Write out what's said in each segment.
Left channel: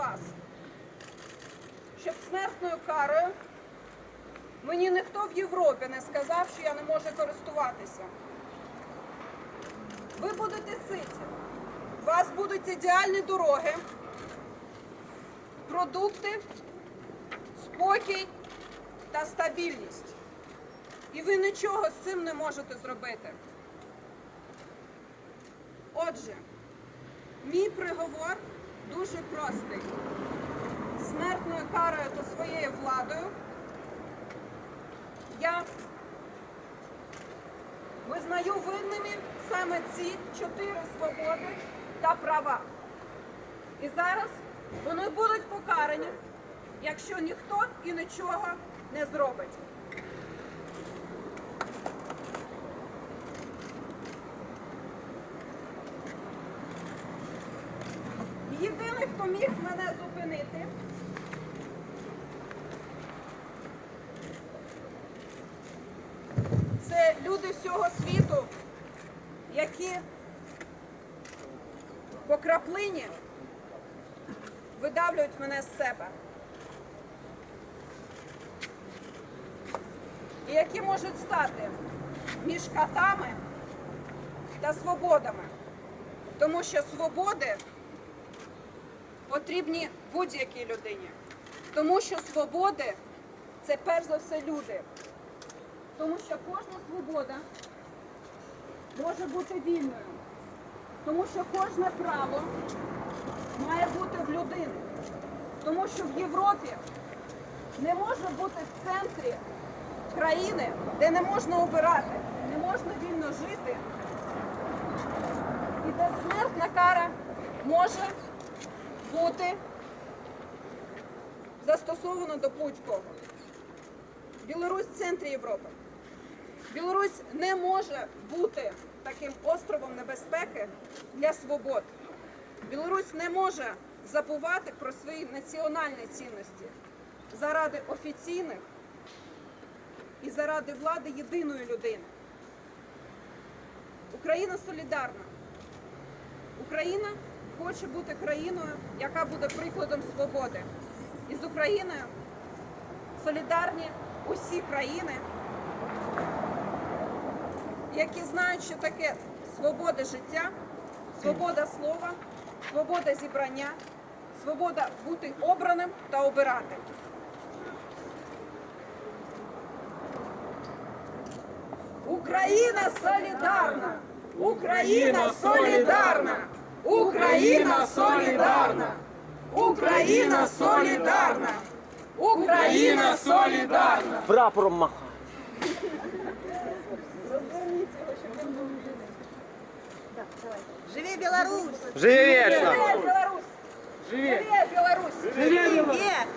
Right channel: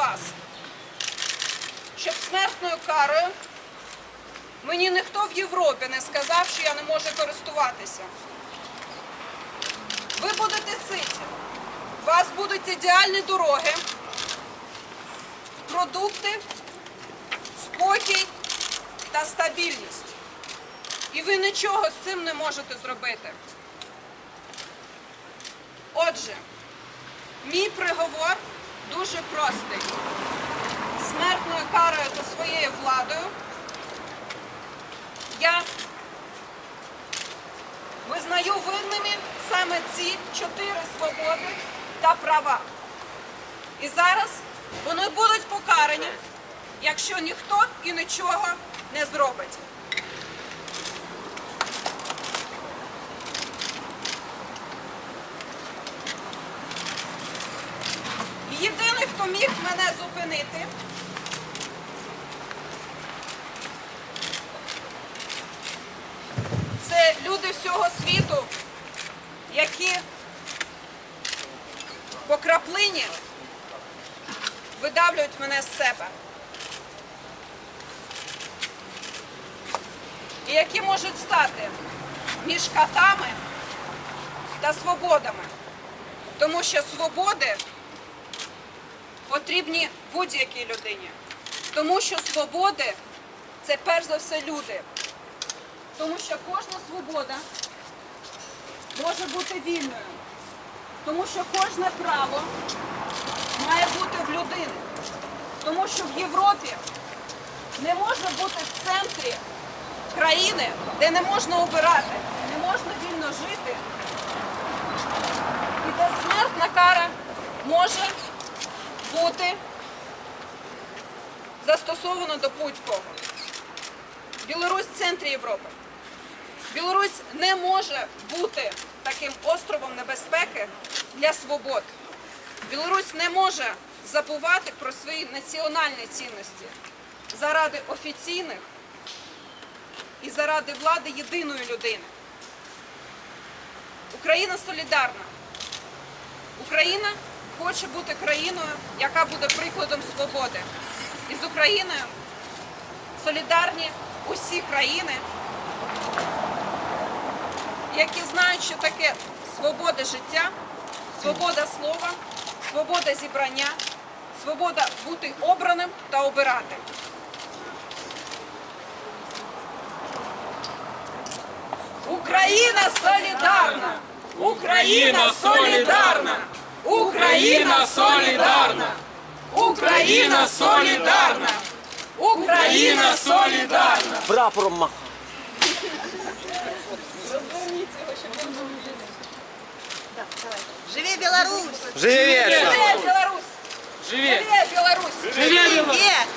вас, щоб смертною карою мені ніхто в Європі не сказав, що я не можу користуватися. Ви будете ситі. У вас будуть ідеальні дороги, продукти, спокій та стабільність. І ви нічого з цим не можете зробити. Отже, мій приговор дуже простий. Смертною карою та своєю владою я визнаю винними саме ці чотири свободи та права. І зараз вони будуть покарані, якщо ніхто і нічого не зробить. Єдиний, хто міг мене зупинити, це люди всього світу, які по краплині видавлюють мене з себе. І які можуть стати між катами та свободами. Тому що свободи потрібні будь-якій людині. Тому що свободи це перш за все люди. Тому що кожна свобода може бути вільною. Тому що кожне право має бути в людини. Тому що в Європі не може бути в центрі країни, де не можна обирати, не можна вільно жити. І де смертна кара може бути застосована до будь-кого. Білорусь в центрі Європи. Білорусь не може бути таким островом небезпеки для свобод. Білорусь не може забувати про свої національні цінності заради офіційних і заради влади єдиної людини. Україна солідарна. Україна хоче бути країною, яка буде прикладом свободи. І з Україною солідарні усі країни, які знають, що таке свобода життя, свобода слова, свобода зібрання, свобода бути обраним та обирати. Україна солідарна! Україна солідарна! Украина солидарна. Україна солідарна! Україна солідарна! Прапором маха. Живе Беларусь! Живе! Живе Беларусь! Живе! Беларусь! Живе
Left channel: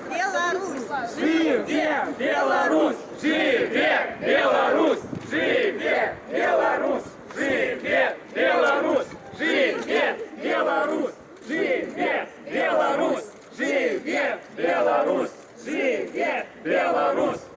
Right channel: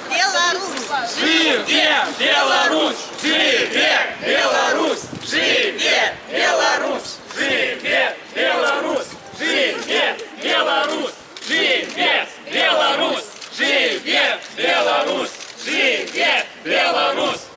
Беларусь! Живе Беларусь! Живе Беларусь!